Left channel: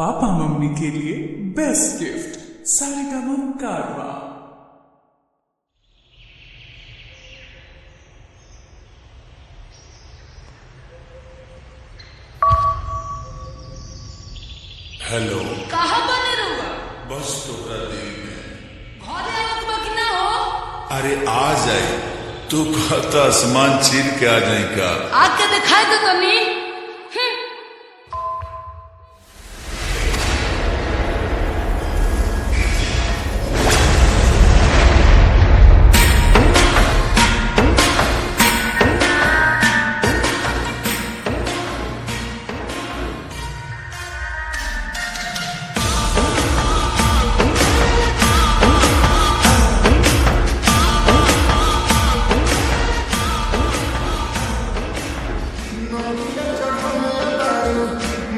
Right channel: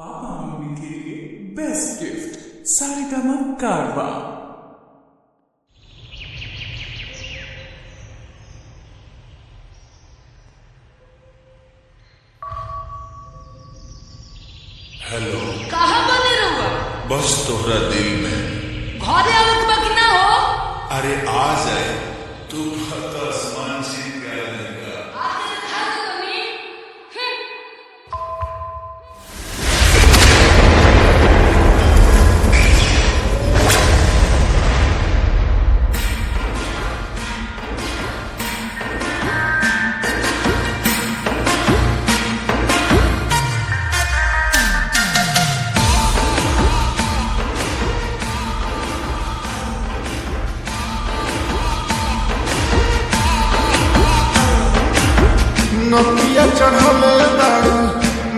Papa mummy के लिए best gift Saregama कारवा। हेलो, कहाँ बने रहुआ? बस तोहरा दिल में। घरे आवत बा कि ना हो? अरे आ जाए, तू कहता आसमान चीर के आ जाए का? आके दिखाई दे तनी। नकिया चढ़ले बाड़ू,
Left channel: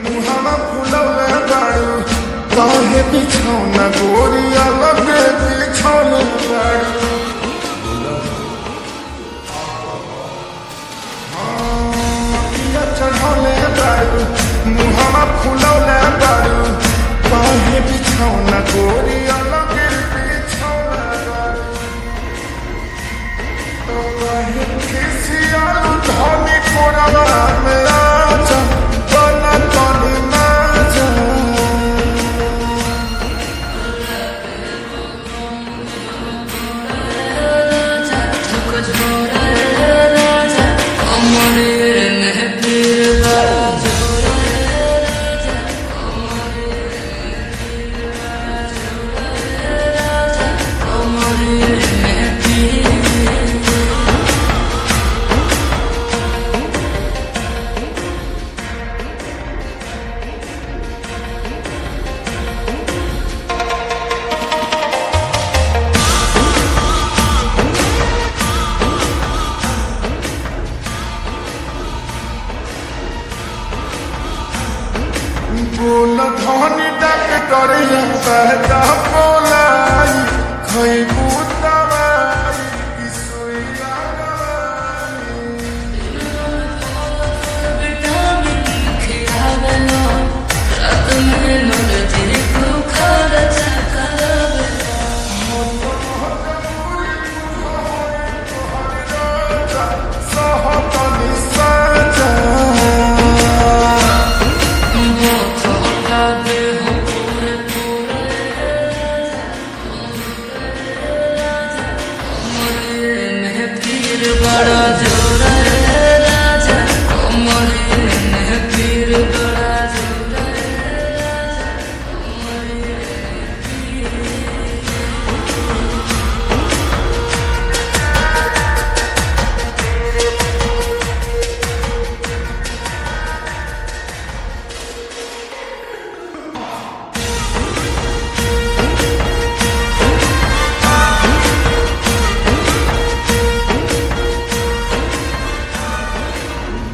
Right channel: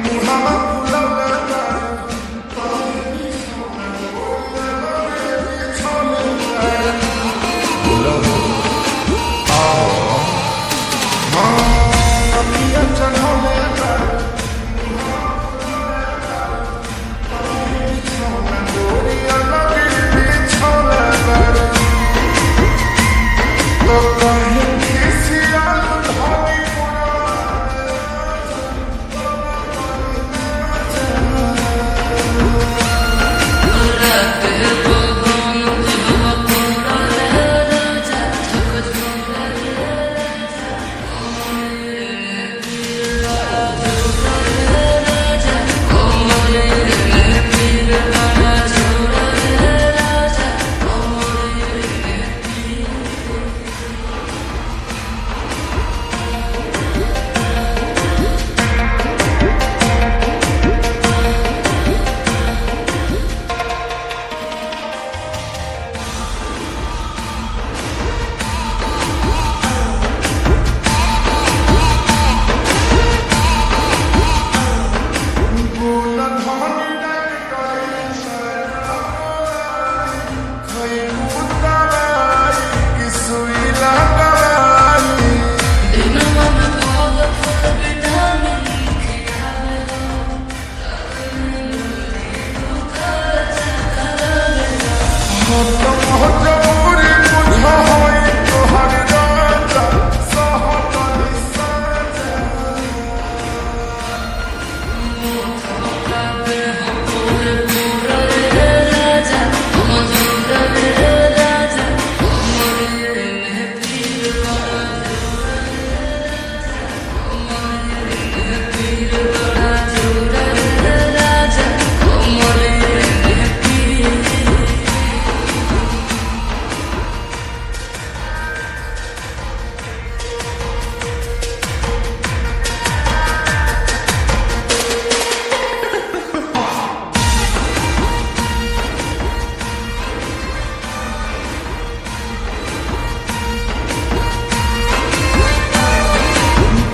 मुहावा फुलौले बाड़ू, काहे बिछौना गोरिया लगे बिछौले बाड़ू। बुलाओ आओ, हाँ नकिया चढ़ले बाड़ू, मुहावा फुलौले बाड़ू, काहे बिछौना गोरिया लगे बिछौले बाड़ू। तो काहे खिसियालू धनी कोरवा में आजा, बना तनी ना जा। रात है बगान हवा कोरा है राजा, झक झोरा है राजा, कमरे में पीर बड़ा झोरा है राजा, कमरे में पीर बड़ा झोरा है राजा, कमरे में पीर। बोल धनी डॉक्टर बहता बोलाई, खैबू दवाई कि सुई लगवाई। दिनवा में फल फल विटामिन खियावेला, रात में नरजी को खाला चकावेला। मजबूरी बुझ होई तोहर राजा, सहतनी साजा। थका दे हो पूरे पूरा रे राजा, मधुर रे राजा, कमरिए में पीर बड़ा जोरा रे राजा, कमरिए में पीर बड़ा जोरा रे राजा, कमरिए में पीर।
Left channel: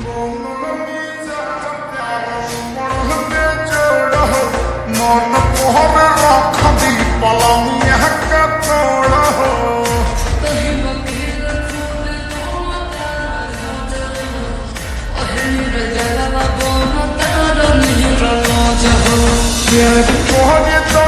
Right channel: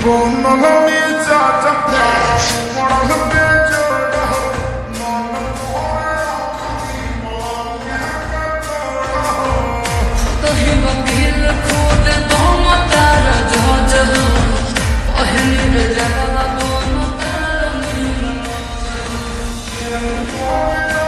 बनल मिजाज प्यारा मरल बेजोड़ हो, मन कोहरे रख दी पलमिया का तोड़ हो। कहीं वकील खुद दोम तारा जहाज हो, पहली रे जगवा बोम तारा नीर लौज हो। प्यार कोहरे तो